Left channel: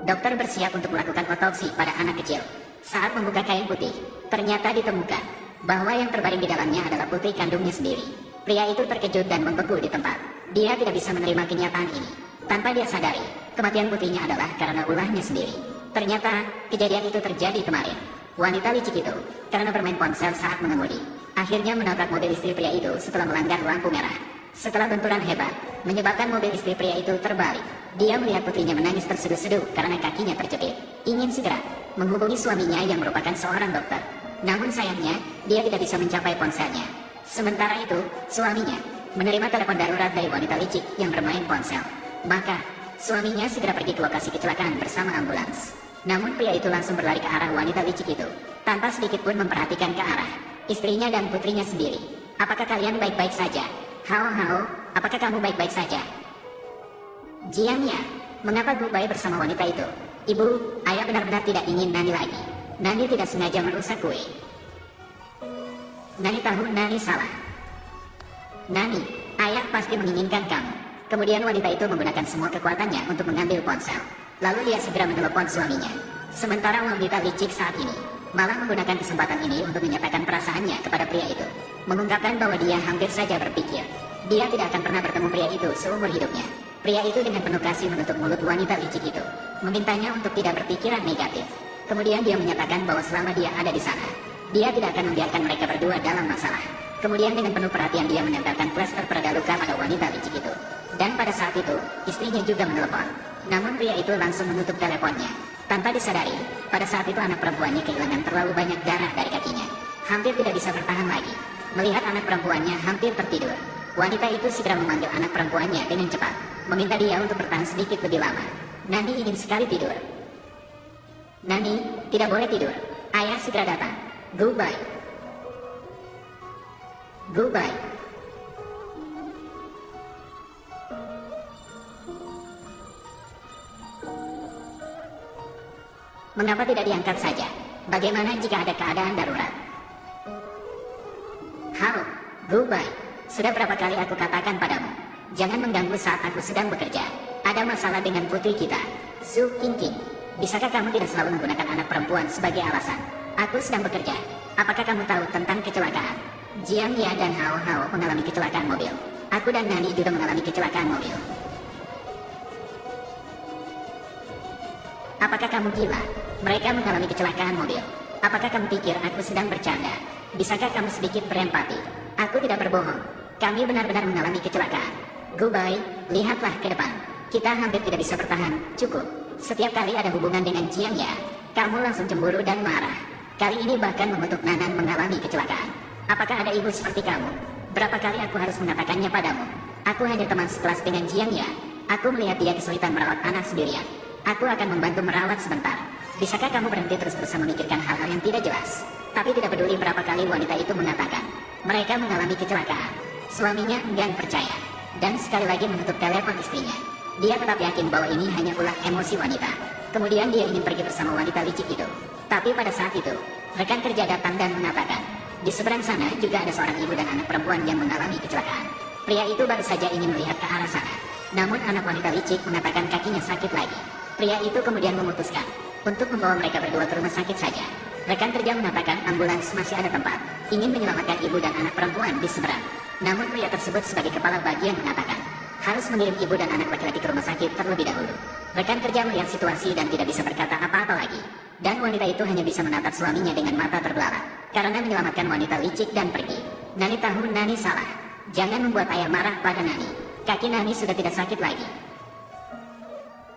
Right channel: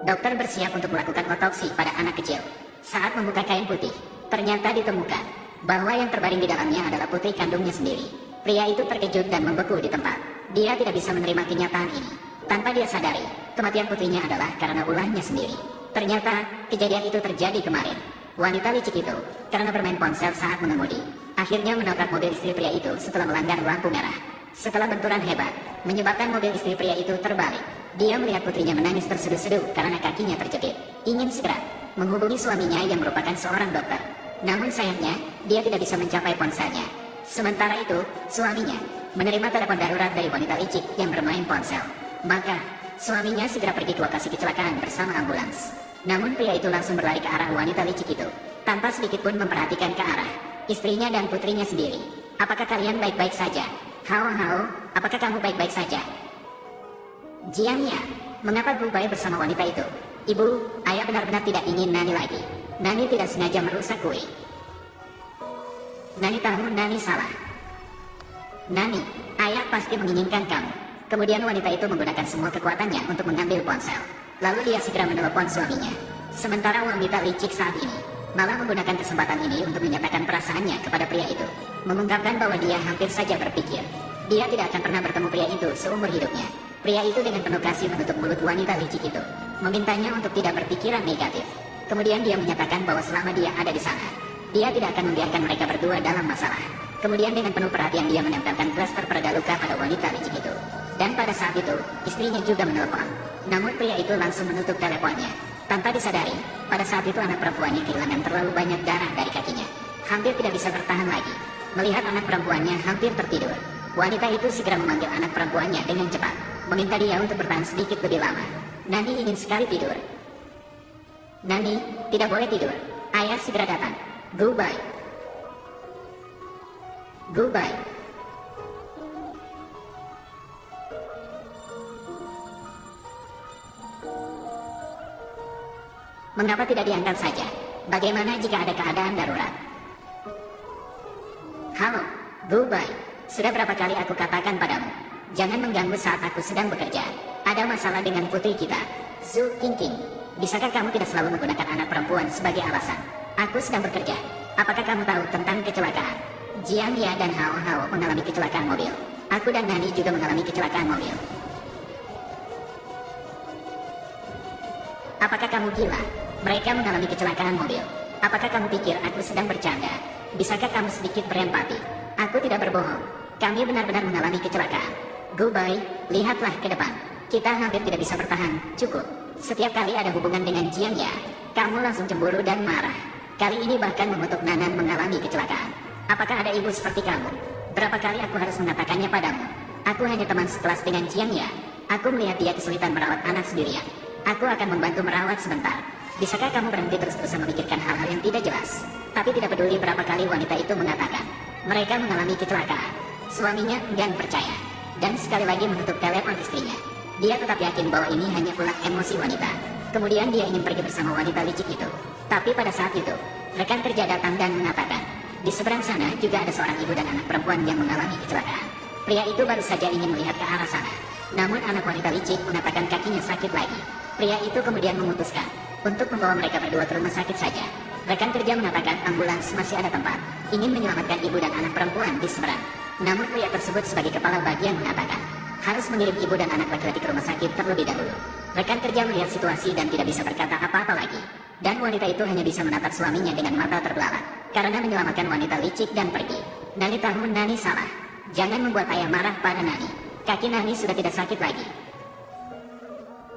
Dokter bersiap untuk melakukan otopsi pada anak kecil. Saat membuka kain putih, ternyata ditemukan bahwa yang terbaring di dalamnya adalah putri kandungnya sendiri. Pria itu terkejut dan membeku di tempat. Dia tidak bisa menerima kenyataan ini. Tanpa dia sadari, kematian putrinya adalah karena ulahnya sendiri. Ternyata, kejadian itu terjadi kemarin. Wanita licik itu, karena bermain ponsel saat mengemudi, akhirnya menabrak mobil istri pria itu setelah melanggar lampu merah. Setelah benturan hebat, menyebabkan mobil istri pria itu terbalik. Dia melihat putrinya menangis terseduh-seduh karena kakinya terjepit. Ingin segera menghubungi suaminya yang merupakan seorang dokter. Namun sayangnya, dia tidak bisa mencapai ponselnya. Sementara itu, suaminya menerima telepon darurat dari wanita licik yang bermain ponsel. Maka, suaminya segera pergi ke lokasi kecelakaan bersama ambulans. Namun pria itu langsung berlari ke arah wanita licik itu, tanpa sedikit pun memperhatikan ke arah istrinya dan putrinya sendiri. Apakah kalian baik-baik saja? Hao, apakah kamu baik-baik saja? Jiangnya, mengapa Gubai bersama wanita itu? Ibu, ayah benar-benar tidak ingin Nani lagi. Nani tidak sengaja merusak kue. Nani tahu Nani salah. Nani, ayah pasti menginginkan kamu. Kemudian wanita itu menggunakan semua kekuatannya untuk mengambil ponsel. Lalu dia segera menelepon suaminya. Sementara wanita licik saat ini malah menggunakan kesempatan ini untuk menyatakan perasaannya kepada pria itu. Mengungkapkan bahwa dia hampir saja berpikir dia tidak akan pernah bertemu pria itu seumur hidupnya. Pria itu dengan penuh kasih menutup mulut wanita licik itu, memintanya untuk tidak berpikiran negatif. Kemudian dia menyatakan bahwa selama dia ada di sana, dia tidak akan membiarkan mereka berdua dalam masalah. Kemudian dengan penuh perhatian dia menempelkan plaster pereda luka pada wanita licik itu. Dan pada saat itu, istrinya juga menelpon. Namun pria itu langsung menutup teleponnya. Tanpa disadari, pada saat itu anak perempuannya kehilangan terlalu banyak darah dari kakinya. Hampir tidak bisa bertahan lagi. Melihat anak perempuannya hampir tertidur, wanita itu segera memanggil anak perempuannya dengan cepat, meminta dia untuk bertahan sedikit lebih lama. Nani ingin sekali tidur. Nani, tidak boleh tidur. Ayah segera datang. Goodbye. Goodbye. Mengapa tidak diangkat saja? Bagaimana jika ada keadaan darurat? Halo, Goodbye. Sudah berapa kali aku katakan padamu, jangan mengganggu saat aku sedang bekerja. Ada masalah dengan putri kita, Zhu Qingqing. Bisakah kamu tidak selalu menggunakan anak perempuan sebagai alasan? Aku sedang bekerja. Apakah kamu tahu tentang kecelakaan? Jiang Ya dan Hao mengalami kecelakaan mobil. Aku dan Nani juga mengalami kecelakaan mobil. Apakah kamu gila? Mereka mengalami kecelakaan mobil. Apakah kamu pikir aku sedang bercanda? Bisakah kamu sedikit berempati? Aku tidak berbohong. Kami benar-benar mengalami kecelakaan. Goodbye, lihatlah ke depan. Kita hampir tidak bisa bertahan. Cukup. Setiap kali ada hubungan dengan Jiang Ya, kamu langsung cemburu dan marah. Kali ini bahkan mengutuk Nanan mengalami kecelakaan. Apakah ada ibu seperti kamu? Berapa kali aku harus mengatakannya padamu? Aku hanya teman sekelas dengan Jiang Ya. Aku melihat dia kesulitan merawat anak sendirian. Aku akan membantu merawat sebentar. Bisakah kamu berhenti terus-terusan memikirkan hal-hal yang tidak jelas? Tapi tidak peduli berapa kali wanita itu mengatakan mereka mengalami kecelakaan, suaminya enggan percaya, dan sekali lagi menutup telepon istrinya. Dia tetap yakin bahwa ini hanya ulah emosi wanita. Kemudian dia ingin pergi bersama wanita licik itu. Tapi pada saat itu, rekan kerja datang dan mengatakan, di seberang sana juga ada seorang ibu dan anak perempuan yang mengalami kecelakaan. Pria itu baru saja ingin melihat ke arah sana. Namun anak wanita licik mengatakan kakinya sakit lagi. Pria itu kemudian memutuskan untuk membawa mereka berdua ke rumah sakit saja. Rekan kerja mengatakan ambulans masih ada tempat, ingin menyelamatkan ibu dan anak perempuan di seberang. Namun pria tersebut sebagai kepala bagian mengatakan harus mengirim ibu dan anak laki-laki ke rumah sakit terlebih dahulu. Rekan kerja melihat situasi dan tidak bisa berkata apa-apa lagi. Dan wanita itu hanya bisa menatap suaminya dengan mata terbelalak karena menyelamatkan wanita licik dan pergi. Nani tahu Nani salah. Jangan membuat ayah marah pada Nani. Kaki Nani sudah tidak sakit lagi.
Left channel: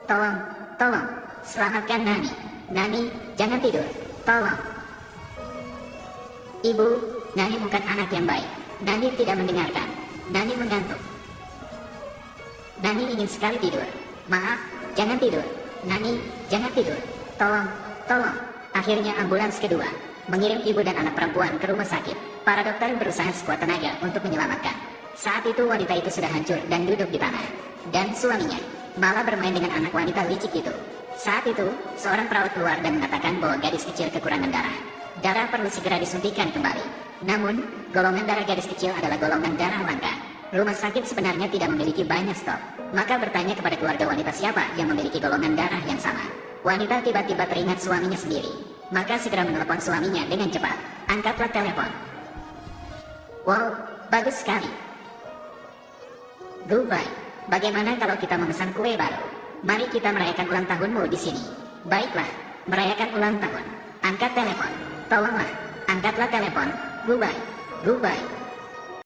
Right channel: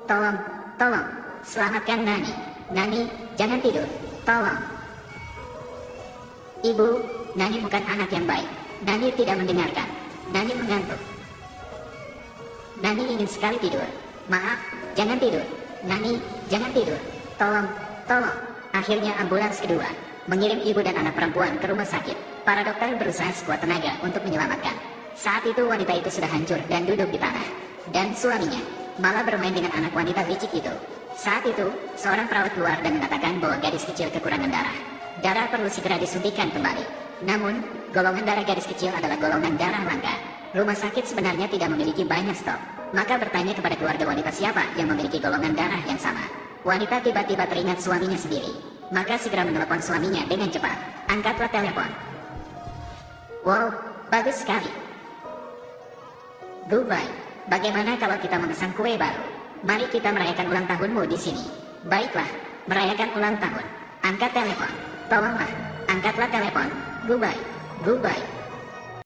Tolong, selamatkan Nani. Nani, jangan tidur. Tolong. Ibu, Nani bukan anak yang baik. Nani tidak mendengarkan. Nani mengantuk. Nani ingin sekali tidur. Maaf, jangan tidur. Nani, jangan tidur. Tolong. Akhirnya ambulans kedua mengirim ibu dan anak perempuan ke rumah sakit. Para dokter berusaha sekuat tenaga untuk menyelamatkan. Saat itu wanita itu sudah hancur dan duduk di tanah. Dan suaminya malah bermain dengan anak wanita licik itu. Saat itu, seorang perawat keluar dan mengatakan bahwa gadis kecil kekurangan darah. Darah perlu segera disuntikan kembali. Namun, golongan darah gadis kecil adalah golongan darah langka. Rumah sakit sebenarnya tidak memiliki banyak stok. Maka bertanya kepada keluarga wanita siapa yang memiliki golongan darah yang sama. Wanita tiba-tiba teringat suaminya sendiri. Maka segera menelepon suaminya dengan cepat. Angkatlah telepon. Wow, bagus sekali. Goodbye. Bagaimana kalau kita memesan kue baru? Mari kita merayakan ulang tahunmu di sini. Baiklah, merayakan ulang tahun. Angkat telepon. Tolonglah, angkatlah telepon. Goodbye. Goodbye.